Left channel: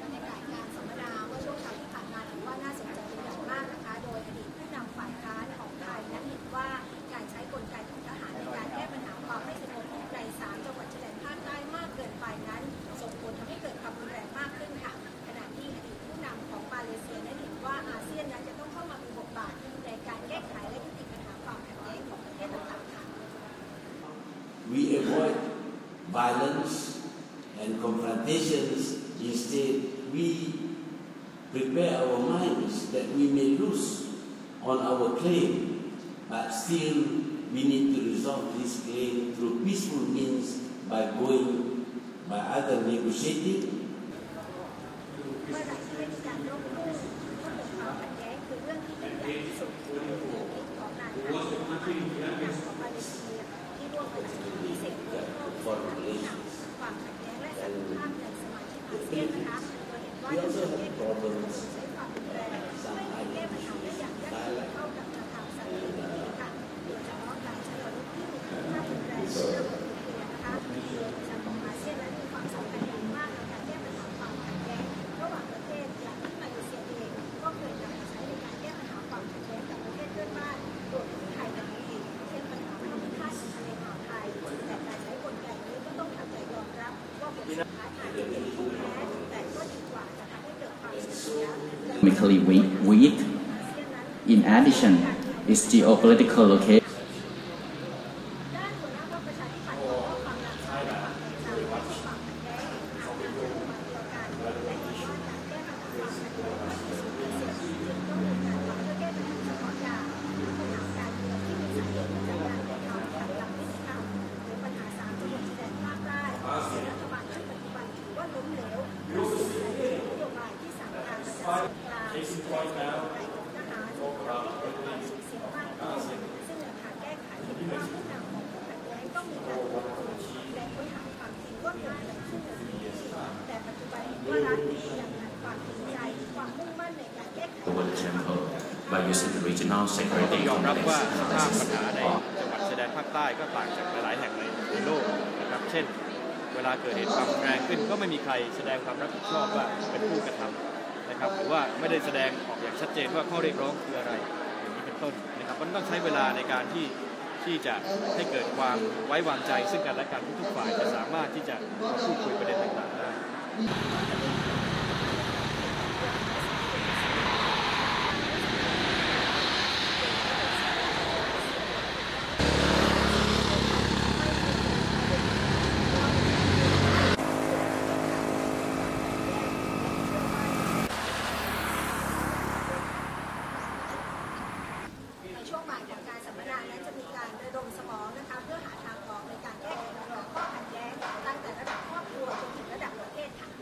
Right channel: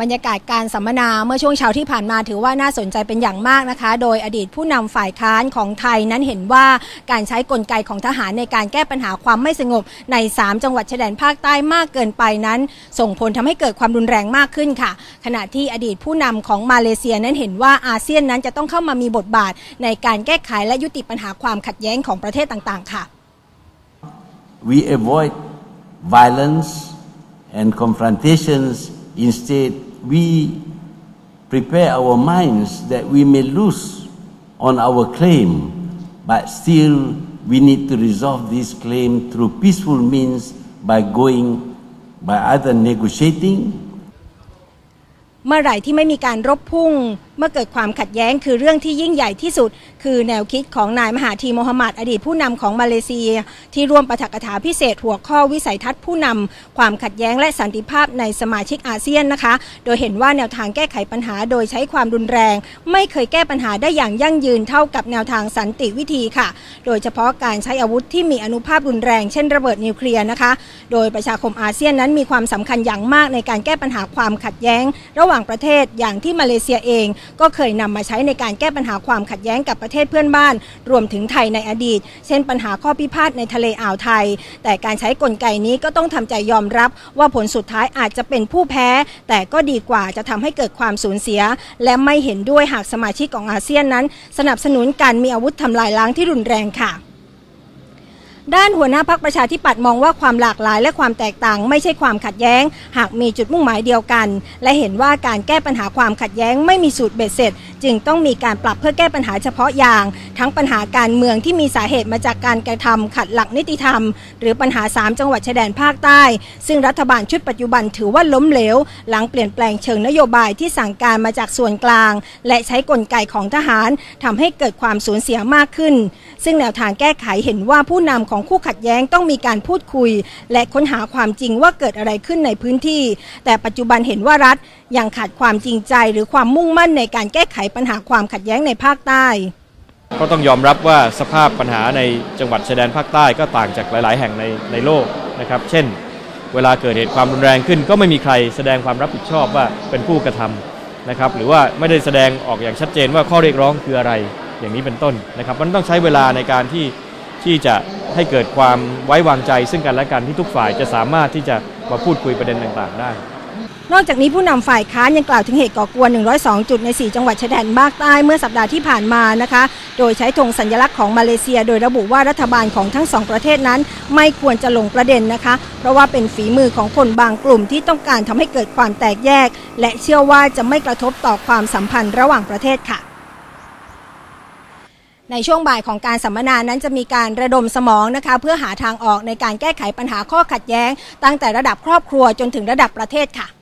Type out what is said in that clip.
บรรยากาศการสัมมนาเมื่อช่วงเช้าที่ผ่านมาถือว่าน่าสนใจเป็นอย่างมากนะคะ โดยอดีตผู้นำฝ่ายค้านของไทยนั้นเห็นว่าการใช้กลไกของทหารในการแก้ปัญหาความไม่สงบใน 3 จังหวัดชายแดนภาคใต้มากเกินไปนั้น ส่งผลทำให้เกิดความรุนแรงมากขึ้นค่ะ ขณะที่อดีตผู้นำของมาเลเซียนั้นเห็นว่าอาเซียนนั้นจะต้องเข้ามามีบทบาท ในการแก้ไขและยุติปัญหาความขัดแย้งของประเทศต่างๆ ค่ะ we avoid violence and confrontations. Instead, we prepare our minds that we may lose on our claim, but still we need to resolve this claim through peaceful means by going, by either negotiating เมื่อไหร่ที่ไม่มีการรบพุ่ง เมื่อเกิดความขัดแย้งคือเรื่องที่ยิ่งใหญ่ที่สุด คือแนวคิดของนายมหาธีโมฮัมหมัดอดีตผู้นำของมาเลเซีย ที่ร่วมประถกถาพิเศษหัวข้อวิสัยทัศน์ผู้นำความขัดแย้งและสันติภาพในสมาชิกอาเซียนนะคะ โดยเห็นว่าแนวทางแก้ไขปัญหาโดยใช้ความรุนแรง ไม่เคยแก้ปัญหาได้อย่างยั่งยืนเท่ากับแนวทางสันติวิธีค่ะ โดยเฉพาะการใช้อาวุธที่มีอนุภาพรุนแรงเช่นระเบิดนิวเคลียร์นะคะ โดยประชาคมอาเซียนนั้นมีความสำคัญอย่างมากในการแก้ปัญหาความขัดแย้ง ระหว่างประเทศอย่างที่มาเลเซียเองก็เคยนำมาใช้ในการแก้ปัญหาความขัดแย้งกับประเทศเพื่อนบ้าน รวมถึงไทยในอดีต เช่นปัญหาข้อพิพาทในทะเลอ่าวไทย แต่การใช้กลไกนี้ก็ต้องทำใจยอมรับ ว่าผลสุดท้ายอาจจะเป็นผู้แพ้ แต่ก็ดีกว่าจะทำให้เกิดความสูญเสีย และไม่เห็นด้วยหากสมาชิกของอาเซียนนั้น สนับสนุนการมีอาวุธทำลายล้างที่รุนแรงค่ะ ด้านหัวหน้าพักประชาธิปัตย์มองว่าความหลากหลายและความแตกต่าง ไม่ใช่ความขัดแย้ง หากมีจุดมุ่งหมายเดียวกัน และเห็นว่าการแก้ปัญหาความขัดแย้งไม่มีสูตรเบ็ดเสร็จ จึงต้องมีการปรับเพื่อแก้ปัญหาเฉพาะอย่าง ทั้งปัญหาการเมืองที่มีสาเหตุมาจากการกระทำขัดหลักนิติธรรม หรือปัญหา 3 จังหวัดชายแดนภาคใต้ ซึ่งรัฐบาลชุดปัจจุบันถือว่าล้มเหลว หลังเปลี่ยนแปลงเชิงนโยบายที่สั่งการมาจากส่วนกลาง และใช้กลไกของทหารทำให้เกิดความสูญเสียมากขึ้นซึ่งแนวทางแก้ไขเห็นว่าผู้นำของคู่ขัดแย้งต้องมีการพูดคุย และค้นหาความจริงว่าเกิดอะไรขึ้นในพื้นที่ แต่ปัจจุบันเห็นว่ารัฐยังขาดความจริงใจ หรือความมุ่งมั่นในการแก้ไขปัญหาความขัดแย้งในภาคใต้ ก็ต้องยอมรับว่าสภาพปัญหาในจังหวัดชายแดนภาคใต้ก็ต่างจากหลาย ๆ แห่งในในโลกนะครับ เช่น เวลาเกิดเหตุความรุนแรงขึ้น ก็ไม่มีใครแสดงความรับผิดชอบว่าเป็นผู้กระทำนะครับ หรือว่าไม่ได้แสดงออกอย่างชัดเจนว่าข้อเรียกร้องคืออะไรอย่างนี้เป็นต้นนะครับ มันต้องใช้เวลาในการที่ที่จะให้เกิดความไว้วางใจซึ่งกันและกันที่ทุกฝ่ายจะสามารถที่จะมาพูดคุยประเด็นต่าง ๆ ได้ นอกจากนี้ผู้นำฝ่ายค้านยังกล่าวถึงเหตุก่อกวน 102 จุดใน 4 จังหวัดชายแดนภาคใต้เมื่อสัปดาห์ที่ผ่านมานะคะ โดยใช้ธงสัญลักษณ์ของมาเลเซีย โดยระบุว่ารัฐบาลของทั้งสองประเทศนั้น ไม่ควรจะลงประเด็นนะคะ เพราะว่าเป็นฝีมือของคนบางกลุ่มที่ต้องการทำให้เกิดความแตกแยก และเชื่อว่าจะไม่กระทบต่อความสัมพันธ์ระหว่างประเทศค่ะ ในช่วงบ่ายของการสัมมนานั้นจะมีการระดมสมองนะคะเพื่อหาทางออกในการแก้ไขปัญหาข้อขัดแย้ง ตั้งแต่ระดับครอบครัวจนถึงระดับประเทศค่ะ